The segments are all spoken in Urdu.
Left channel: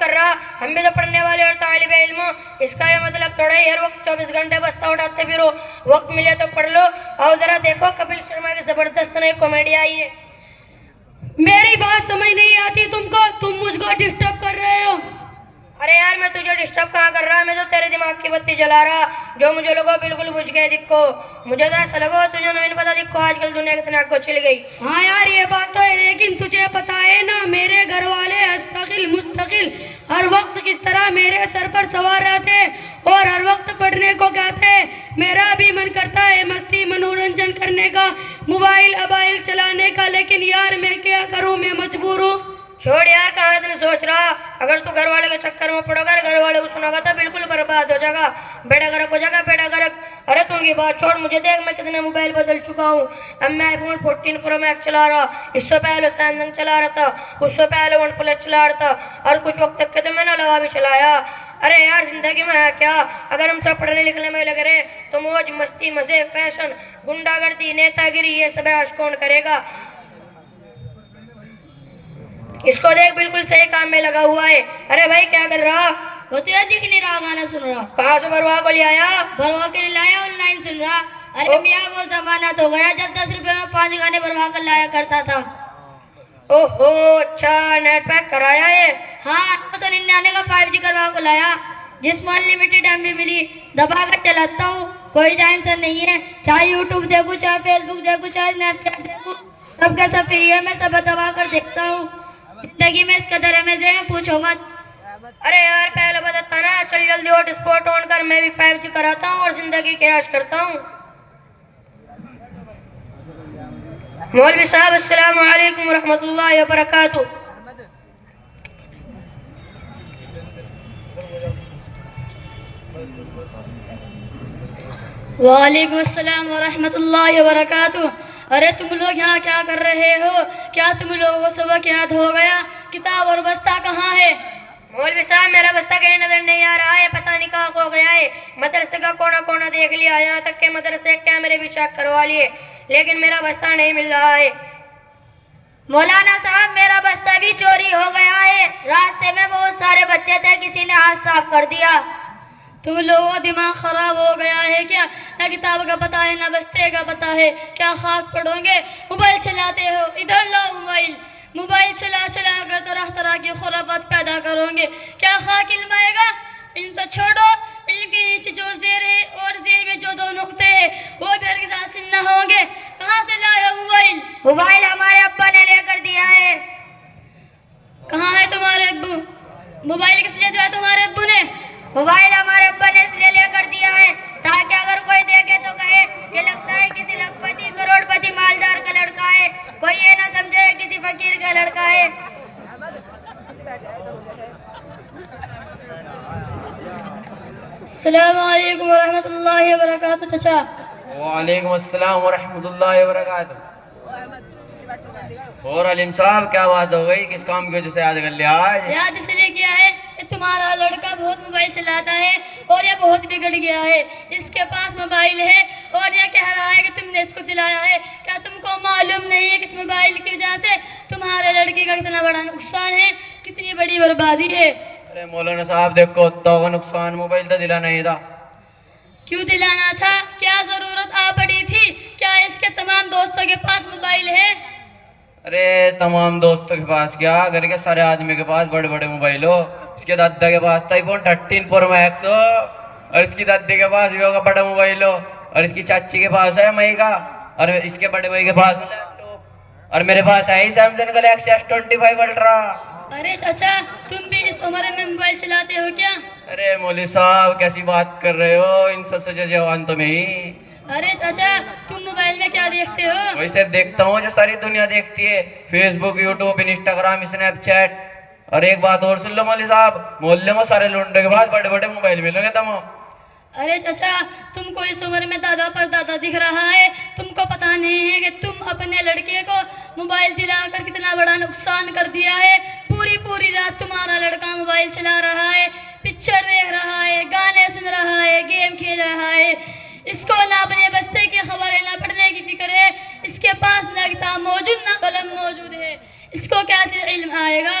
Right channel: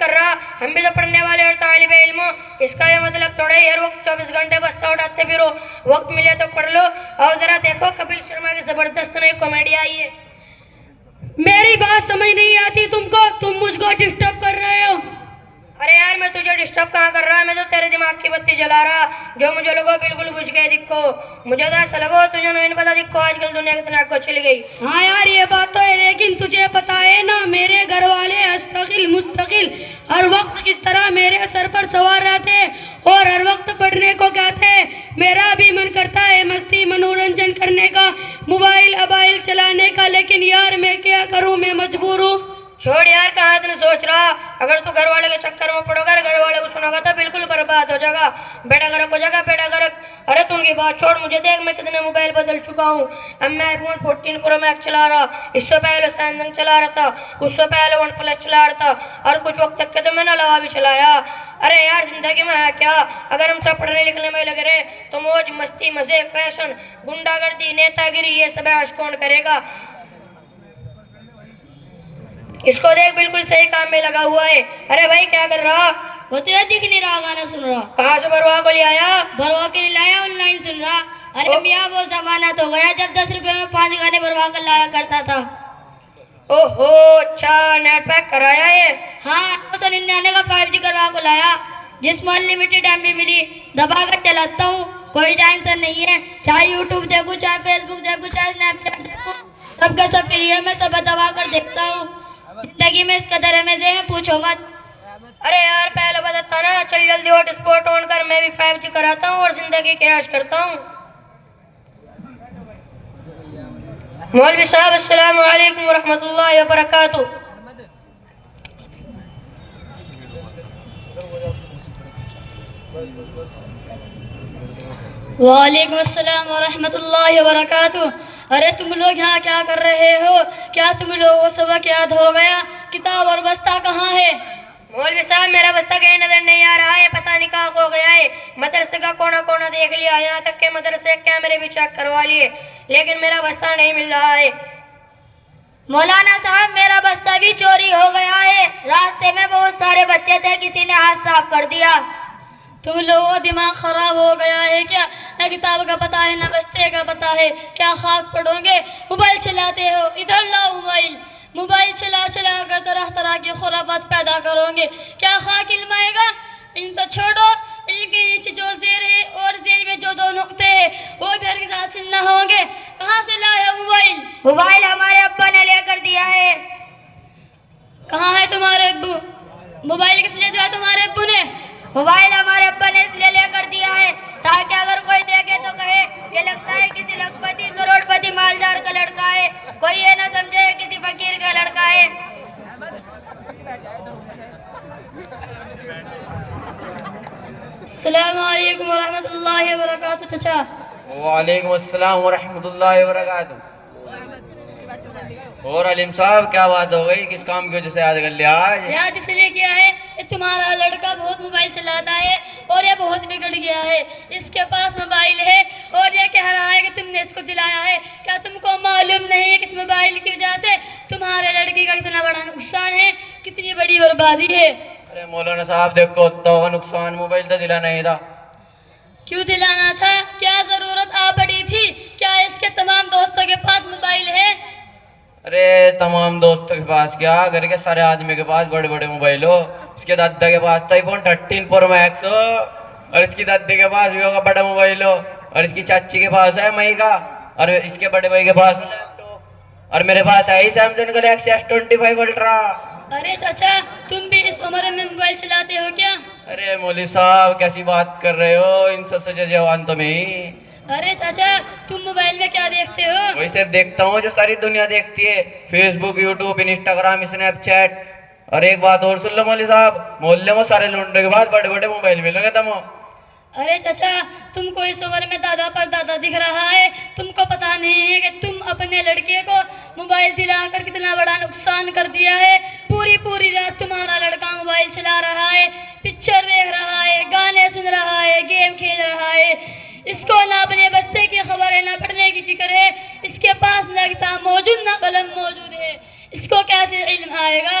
کر رہا, ہم بھی تو پڑھنے والے اور طالب علم. اس کا یہ مطلب تھوڑا ہی ہر وقت 24 گھنٹے بستہ اٹھاتے پھرو. وقت ملے تو پڑھ لو. اور ذرا دیکھو کپل شرما کی زبردست نئی کامیڈی آئی ہے. میری بات سمجھ نہیں آتی تم کو, تم مجھ کو ڈسٹرب کر رہے ہو. ارے یار میں تجھے ڈسٹرب کہاں کر رہا, میں تو تیرے دماغ کی بتی جلا رہا جو مجھے لگو بالکل بجھ گئے دکھو. مجھے تو ایسا لگو تجھے نہیں پتا دکھو آج کل دنیا کتنا کو چل گئی. ہاں یار یہ بات تو ہے, لیکن تجھے پتا ہے نا میرے گھر والے مستقل ہر وقت کس طرح میرے سر پر سوار رہتے اور ہر وقت پڑھنے کو کہتے. میرا بھی من کرتا ہے مستی منورنجن کرنے کا, موبائل چلانے کا, لیکن یار میں کیا کروں, میں مجبور ہوں. چھوڑ یار کہاں تم سوچ رہا, اگر تو گھر والے کے چکر میں پڑو گا, گھر والے کو سنو گا تو بالکل برباد ہو جائے گا. بیٹا گرک ہو جائے گا بیٹا گرک. ارے تم کی بات چھوڑ, مجھے دیکھ میں کتنے موبائل بدل چکا ہوں. اب میں iPhone 14 Pro Max چلا رہا, اس سے پہلے Samsung چلا رہا تھا, اس سے پہلے OnePlus چلا رہا تھا, اور کچھ وقت تک کے تو میں نے لوا بھی چلایا. ارے یار زندگی میں ہے کیا, اگر ہم سب پڑھنے لکھنے میں لگ رہے تو موج مستی مزے فیشن گنڈا گردی نیتا گری یہ سب عیش کون کرے گا. اس کو دیکھ بالکل صحیح کام میں لگا ہوا ہے. ارے بھائی کیا کر رہا؟ وہ تو یہ دکھ نہیں رہا, گانا سن رہا. کہاں سے بروا کو لے آیا؟ بروا کے لیے لایا, آن لائن سن رہا. ارے میاں وہ زمانہ تو گیا جب 10 روپے میں 5 گانے بروا کر لایا کرتا تھا. اوہو اچھا نیٹ پیک کرایا ہے. ہاں 999 کا 5G کروا کو لایا, جس میں انلمیٹڈ ایم بی ملی. دبا کر چلاتا ہوں, کوئی ٹینشن نہیں ہے. چاہے یوٹیوب دیکھوں, چاہے فیس بک دیکھوں, چاہے اسنیپ چیٹ دیکھوں, سب کا سب فری ہے. میں سب دبا کر دیکھتا ہوں. زندگی میں اس قدر مزے ہیں پوچھو مت. ارے یار پہلے بتاتا نا, چل جلدی ہاٹ اسپاٹ آن کر, میں بھی 5G کراتا ہوں اور زندگی کے عیش کرتا ہوں. مولوی صاحب السلام علیکم ورحمۃ اللہ وبرکاتہ. وعلیکم السلام ورحمۃ اللہ وبرکاتہ. ارے تم لوگ یہاں کیا کر رہے ہو؟ کیا تم لوگوں سبق یاد ہو گیا؟ کتاب اور بستہ کہاں ہے؟ مولوی صاحب میرا بستہ کہیں نظر نہیں آ رہا ہے, پتہ نہیں کہاں کھو گیا ہے. مدرسے کا کونا کونا دیکھ لیا, یہاں تک کہ مدرسے کیمرے بھی چیک کروا لیے, لیکن میرا بستہ نہیں مل رہا ہے. مولانا صاحب میرا بستہ بھی چوری ہو گیا ہے. راستے میں بہت سارے بچے تھے, کسی نے ہاتھ صاف کر دیا. تم لوگوں کا دماغ خراب ہو گیا ہے کیا؟ نہ کتاب کا پتہ ہے نہ بستے کا پتہ ہے. کیا خاک پڑھو گے؟ موبائل چلاتے ہو, ادھر لاؤ موبائل. موبائل چلا کر طرح طرح کی خرافات پیدا کرو گے. کیا خاک علم آئے گا؟ علم تو چھوڑو, علم کے نیچے جو زیر ہے اور زیر میں جو 2 نقطے ہیں وہ بھی ہرگز حاصل نہ ہوں گے. کہاں سے لائے ہو موبائل؟ موبائل ہمارے ابا نے لے کر دیا ہے. کہاں ہے تمہارے ابو؟ موبائل کس لیے دیا تمہارے ابو نے؟ موبائل ہمارے ابا نے اس لیے لے کر دیا ہے تاکہ اگر کوئی دیکھے تو کہے کہ لگتا ہے کسی لکھپتی کروڑ پتی مالدار کا لڑکا ہے, کوئی یہ نہ سمجھے کسی فقیر کا لڑکا ہے. السلام علیکم ورحمۃ اللہ وبرکاتہ. چچا وعلیکم السلام ورحمۃ اللہ وبرکاتہ. اور علیم صاحب کیا بات ہو گئی, کس کام کی وجہ سے یاد کر لیا آج؟ یاد اس لیے کیا ہے کہ تمہارا لڑکا بہت موبائل چلاتا ہے اور یہ بہت بگڑ گیا ہے. اس کے پاس موبائل ہے اور یہ کہہ رہا ہے کہ تم نے اس کو دلایا ہے. کیا تم کو معلوم نہیں ہے کہ اس موبائل کی وجہ سے تمہارے لڑکی کا کتنا بڑا نقصان ہے, کتنی بڑی بربادی ہے؟ ارے مولانا صاحب دیکھو, تو کا نقصان موبائل تو دلا نہیں تھا. کیوں دلانا تھا؟ کیا ضرورت آ پڑی تھی؟ کیا اس کے تمام دوستوں کے پاس موبائل ہے؟ ارے تمام دوستوں کے پاس کیا, گھر کے سارے آدمی کے پاس بڑے بڑے موبائل ہو. اس کے دادا کے پاس تھا iPhone 13 Pro Max ہو, اور اس کی دادی کے پاس بھی ہوگا بڑا موبائل ہو, اور اس کی چاچی کے پاس ہے مئی کا, اور اس کے بڑے بھائی کے پاس لیپ ٹاپ, اور میرے پاس ہے Samsung Galaxy S25 Ultra. ارے چچا تم بھی اس عمر میں موبائل چلاتے ہو کیا؟ ارے مولوی صاحب کیسی بات کر رہے ہو, ان سب سے جوان تو میں ہی. ارے چچا تم موبائل میں کیا دیکھتے ہو؟ وہی سب دیکھتا ہوں جو ساری دنیا دیکھتی ہے, فیس بک, یوٹیوب, انسٹاگرام, اسنیپ چیٹ. اور ایک بات اور سن لو مولوی صاحب, محلے میں سارے لونڈے کے پاس بڑے بڑے موبائل ملیں گے تم. ارے چچا تم کو اس عمر میں دادا پر دادا دکھ رہا ہے, تم کو پتا نہیں ہے کہ تم اپنے لڑکے کو موبائل دلا کر کتنا بڑا نقصان کر دیا ہے. پوری رات تمہارا لڑکا موبائل چلا رہا ہے, پکچر دیکھ رہا ہے, گانے سن رہا ہے, گیم کھیل رہا ہے. اس کو نہ اپنے بستے کی خبر ہے نہ پڑھنے کی فکر ہے. اس کے پاس نہ کتاب موجود نہ قلم موجود ہے, اس کو کیسے علم آئے گا؟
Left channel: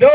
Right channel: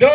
2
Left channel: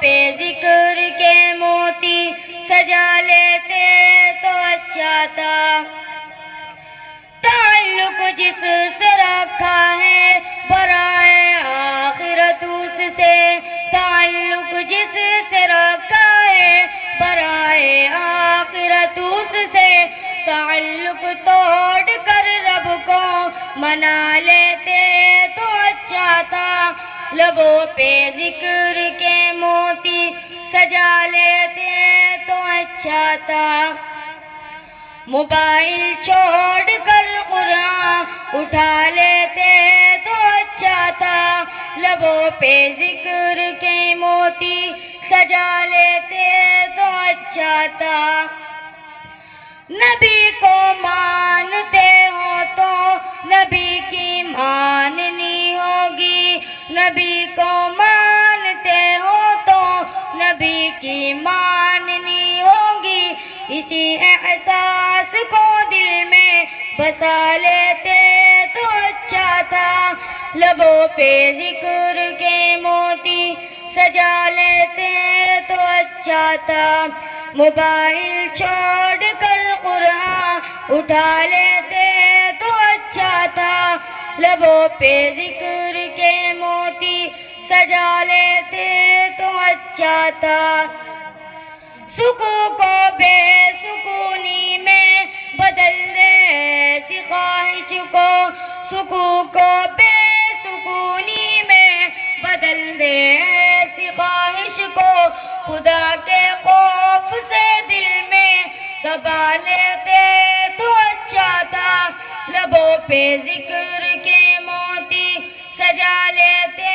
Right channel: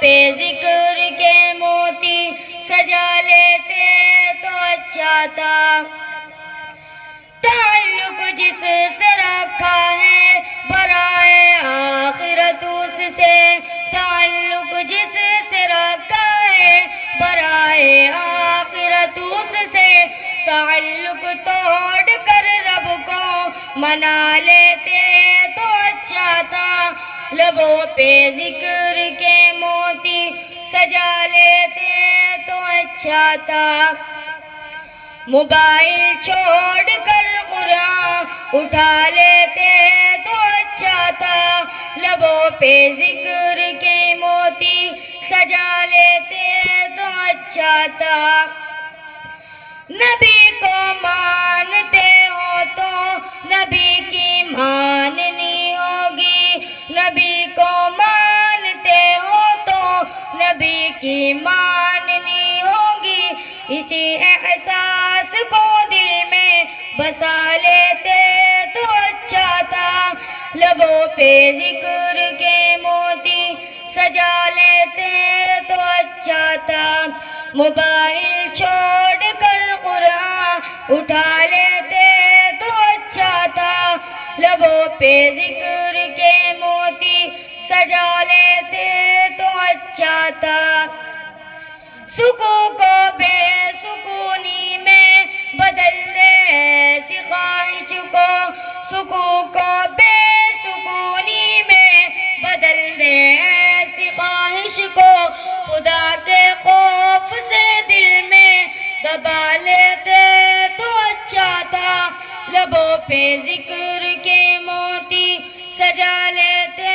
پہ ذکر کے موتی سجا لیتے تو اچھا تھا. تعلق جس سے رکھا ہے برائے آخرت اس سے, تعلق جس سے رکھا ہے برائے آخرت اس سے, تعلق توڑ کر رب کو منا لیتے تو اچھا تھا. لبوں پہ ذکر کے موتی سجا لیتے تو اچھا تھا. موبائل چھوڑ کر قرآن اٹھا لیتے تو اچھا تھا. لبوں پہ ذکر کے موتی سجا لیتے تو اچھا تھا. نبی کو مانتے ہو تو نبی کی ماننی ہوگی, نبی کو مانتے ہو تو نبی کی ماننی ہوگی. اسی احساس کو دل میں بسا لیتے تو اچھا تھا. لبوں پہ ذکر کے موتی سجا لیتے تو اچھا تھا. موبائل چھوڑ کر قرآن اٹھا لیتے تو اچھا تھا. لبوں پہ ذکر کے موتی سجا لیتے تو اچھا تھا. سکون کو بے سکونی میں بدل دے ایسی خواہش کو, سکون کو بے سکونی میں بدل دے ایسی خواہش کو. خدا کے خوف سے دل میں دبا لیتے تو اچھا تھا. لبوں پہ ذکر کے موتی سجا لیتے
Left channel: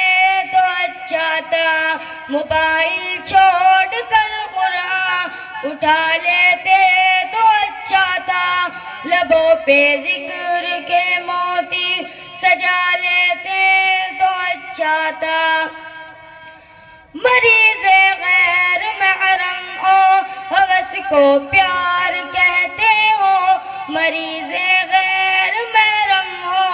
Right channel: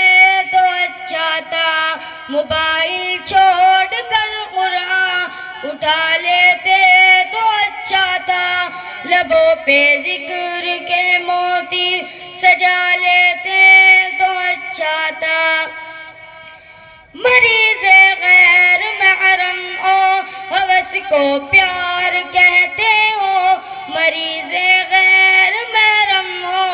تو اچھا تھا. موبائل چھوڑ کر قرآن اٹھا لیتے تو اچھا تھا. لبوں پہ ذکر کے موتی سجا لیتے تو اچھا تھا. مریض غیر محرم ہو ہوس کو پیار کہتے ہو, مریض غیر محرم ہو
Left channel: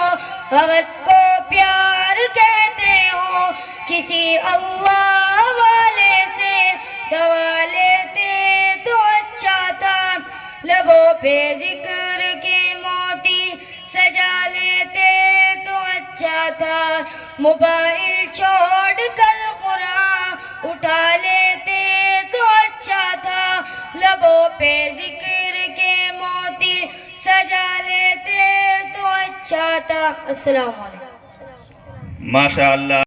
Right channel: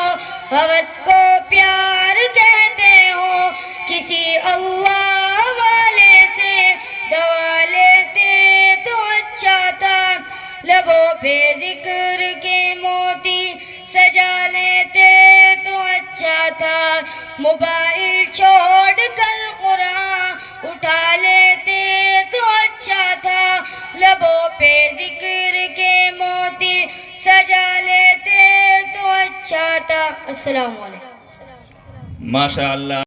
ہوس کو پیار کہتے ہو. کسی اللہ والے سے دوا لیتے تو اچھا تھا. لبوں پہ ذکر کے موتی سجا لیتے تو اچھا تھا. موبائل چھوڑ کر قرآن اٹھا لیتے تو اچھا تھا. لبوں پہ ذکر کے موتی سجا لیتے تو اچھا تھا. السلام علیکم. ماشاء اللہ.